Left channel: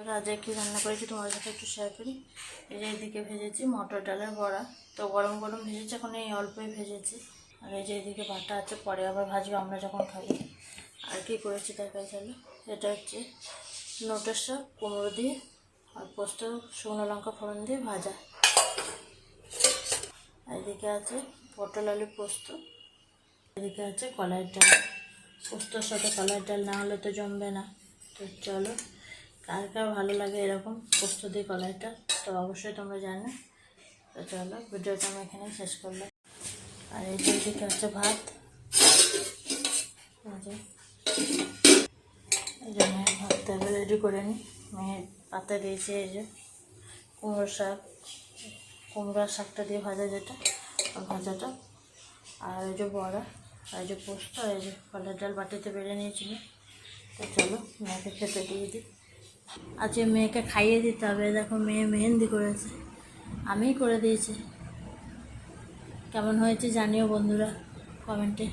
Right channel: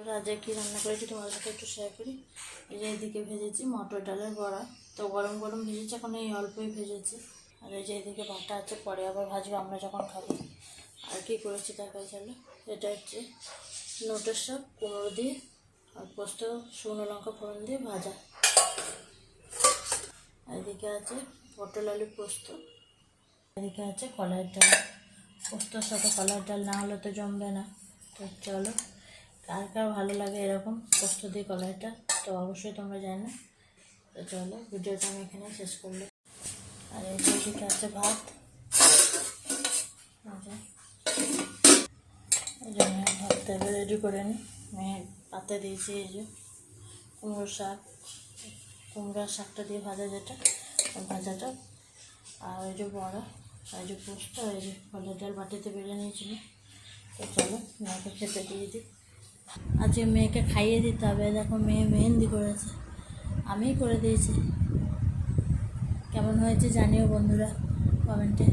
আজকে কি রান্না করেছি তোমাদের সাথে একটু শেয়ার করি। এই যে এদিকে ভেজেছি মটর ডালের বড়া, তো গরম গরম ভেজেছি, এখন এই অল্পই ভেজেছি। আর এই যে এদিকে বাটা আছে, পরে আবার ভাজবো আমরা যখন খাবো। আর কি করেছি দেখাই চলো। এটা হচ্ছে নোটের শাক কুমড়ো দিয়ে আর পোস্ত শুকনো লঙ্কা ফোড়ন দিয়ে ভাজা। এদিকে আছে পটল আলু পোস্ত, এদিকে আছে কলাইয়ের ডাল। পোস্তর সাথে কলাইয়ের ডাল না হলে তো জমবে না। তো চলো, কার কার ভালো লাগে এরকম পোস্ত দিয়ে কলাইটা, তো অবশ্যই তোমরা জানো। তো চলো, ভিডিওটা আমি এখানে শেষ করলাম। আর এই দিকে আছে ভাত, এই জন্য ভাতটা এবার রেডি করে নিই। মেয়ে পাতা দিয়েছি এই যে কুমড়োর শাকটা দিয়ে ভাজা, যেটা ভাজাটা, আর এই যে বড়া, আর এই যে পোস্ত, আর এই যে কলার ডাল বাটিতে বেড়ে নিয়েছিল। তো চলো মেয়েকে খেতে দিয়ে দিই। আজকে মেয়েকে খাইয়ে দিতে হবে। দেখো মেয়ে মেহেন্দি করেছে, আমিই করে দিয়েছি। কেমন হয়েছে জানিও বন্ধুরা কমেন্টে।